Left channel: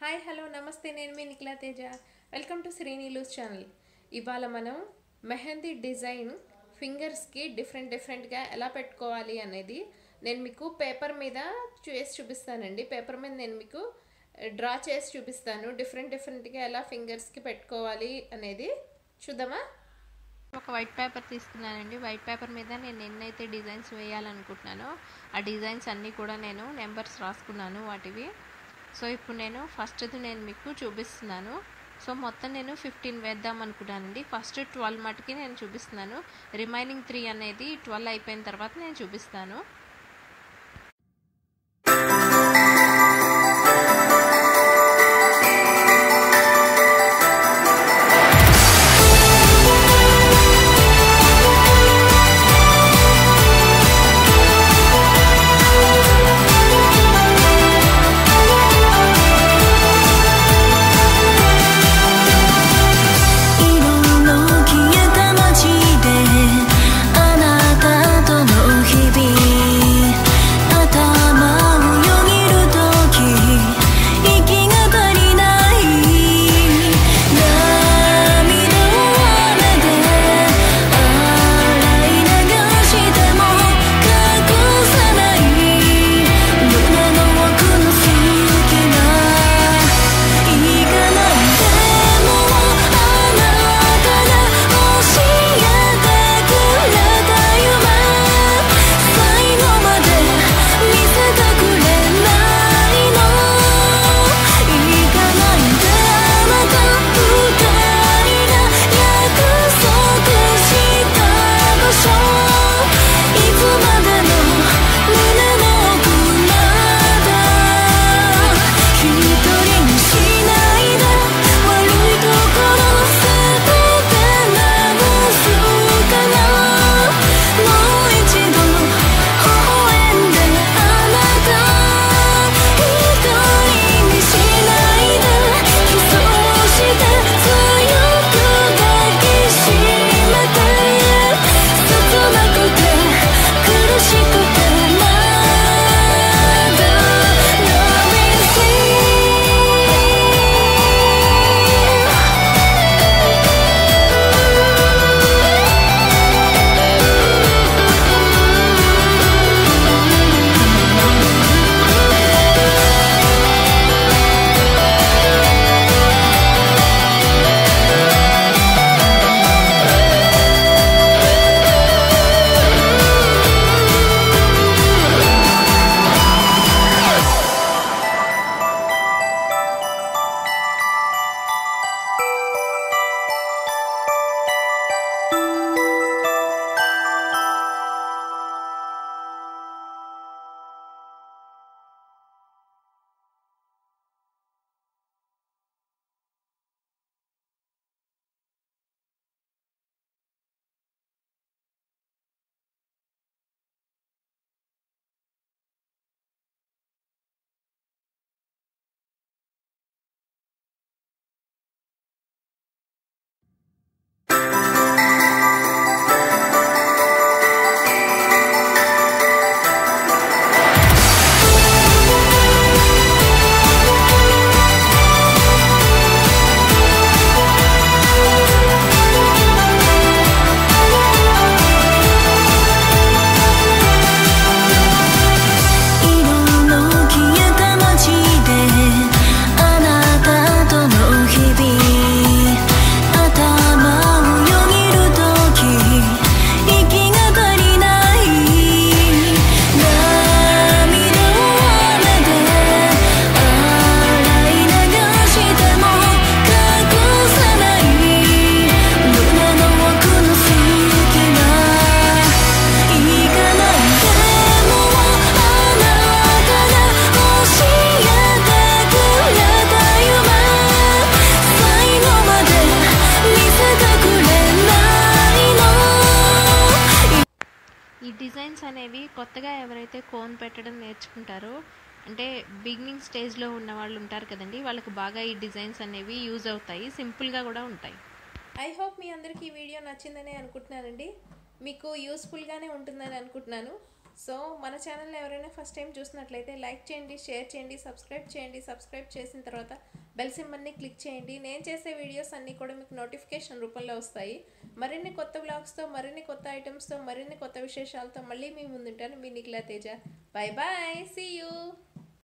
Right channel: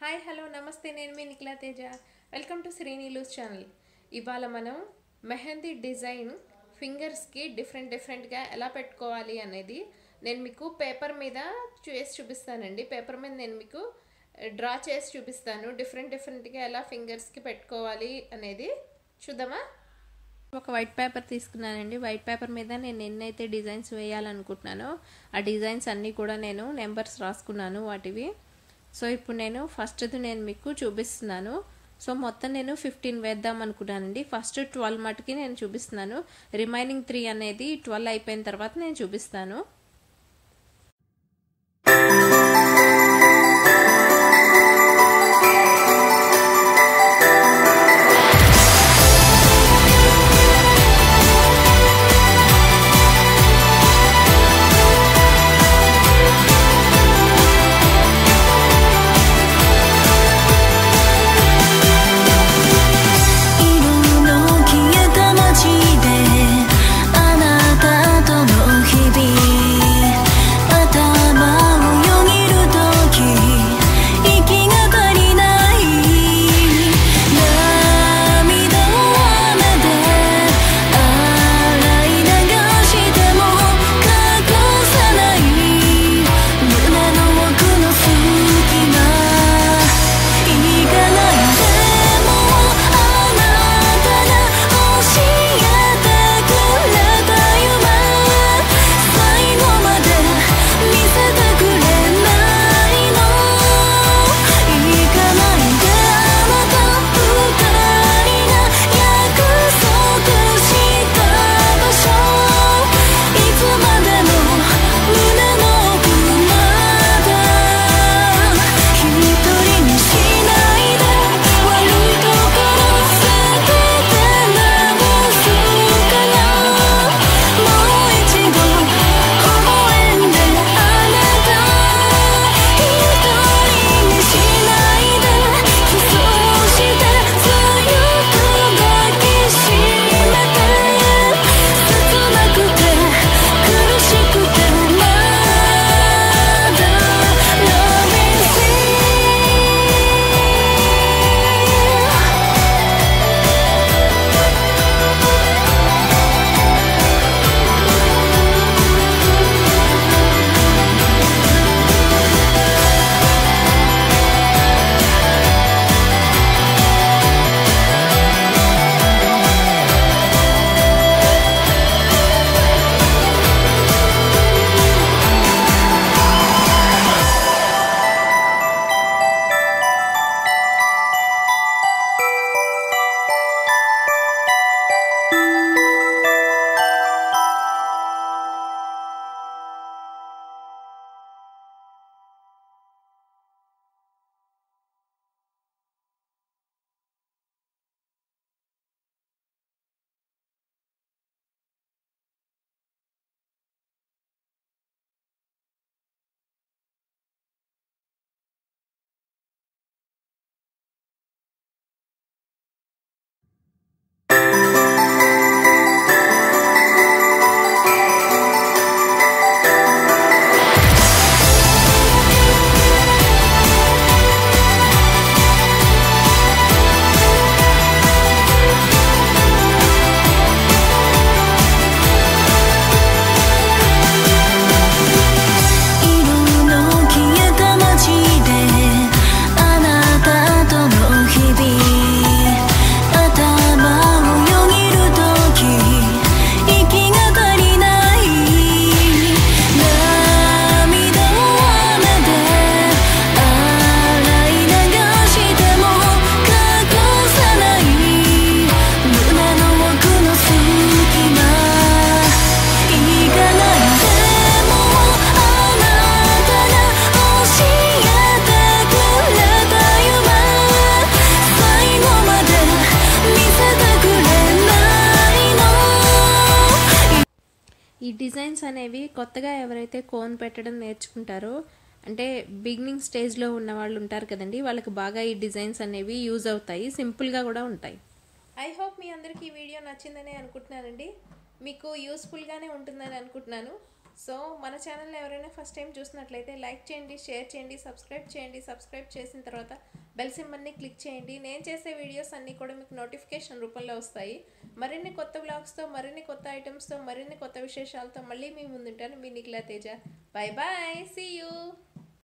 Hi hello నమస్తే నేను మీ Nikhila Teja welcome to శ్రీనీలూస్ ఛానల్. ఇవాళ మనం మెహందీ డిజైన్ ఫింగర్స్కి డిఫరెంట్గా ఎలా పెట్టుకోవాలి అనేది నేను మీకు పేపర్ మీద చేసి చూపిస్తానండి. పేపర్ మీద నేను మీకు డ్రా చేసి చూపిస్తాను. డిఫరెంట్గా ఎలా ఫింగర్స్కి పెట్టుకోవాలి అనేది చూద్దామా. ఒక వైట్ పేపర్ తీసుకున్నానండి. వైట్ పేపర్ మీద నేను ఎన్నైతే డిజైన్స్ వేయాలనుకుంటున్నానో ఆ డిజైన్స్ అన్నీ కూడా నేను నెంబర్స్ రాసుకున్నాను వాటివి. సో ఇప్పుడు నేను ఫస్ట్ది నేను మీకు చూపిస్తున్నాను. సో మొత్తం నేను 15 వేద్దాం అనుకున్నానండి. ఫస్ట్ 12 మటుకి నేను చూపిస్తున్నాను. రిమైనింగ్ 3 అనేది 12 అయిపోయిన తర్వాత నేను చూపిస్తాను. ఈ డిజైన్స్ అనేవి కొత్తగా ఎవరైతే కోన్ పెట్టడం నేర్చుకుంటారో అంటే బిగినింగ్ స్టేజ్లో ఉన్న వాళ్ళు ఉంటారు కదండి, వాళ్ళకి బాగా ఈ డిజైన్స్ అనేవి యూజ్ అవుతాయి. సింపుల్గా కూడా ఉంటాయి. ఐ హోప్ మీ అందరికీ ఈ వీడియో నచ్చిందని అనుకుంటున్నానండి. మీకు యూస్ఫుల్గానే ఉంటుందని అనుకుంటున్నాను. సో మన ఛానల్ ఎవరైనా ఫస్ట్ టైం చూసినట్లయితే లైక్ చేయండి, షేర్ చేయండి, సబ్స్క్రైబ్ చేయండి. సబ్స్క్రైబ్ చేసిన తర్వాత బెల్ సింబల్ని క్లిక్ చేయండి. నేను చేసే వీడియోస్ అన్నీ కూడా మీకు నోటిఫికేషన్ రూపంలో వస్తాయి. మరిన్ని కొత్త వ్లాగ్స్తో, మరిన్ని కొత్త ఐటమ్స్తో, మరిన్ని కొత్త విశేషాలతో మళ్ళీ మీ ముందుంటాను. మీ Nikhila Teja. Bye bye, see you.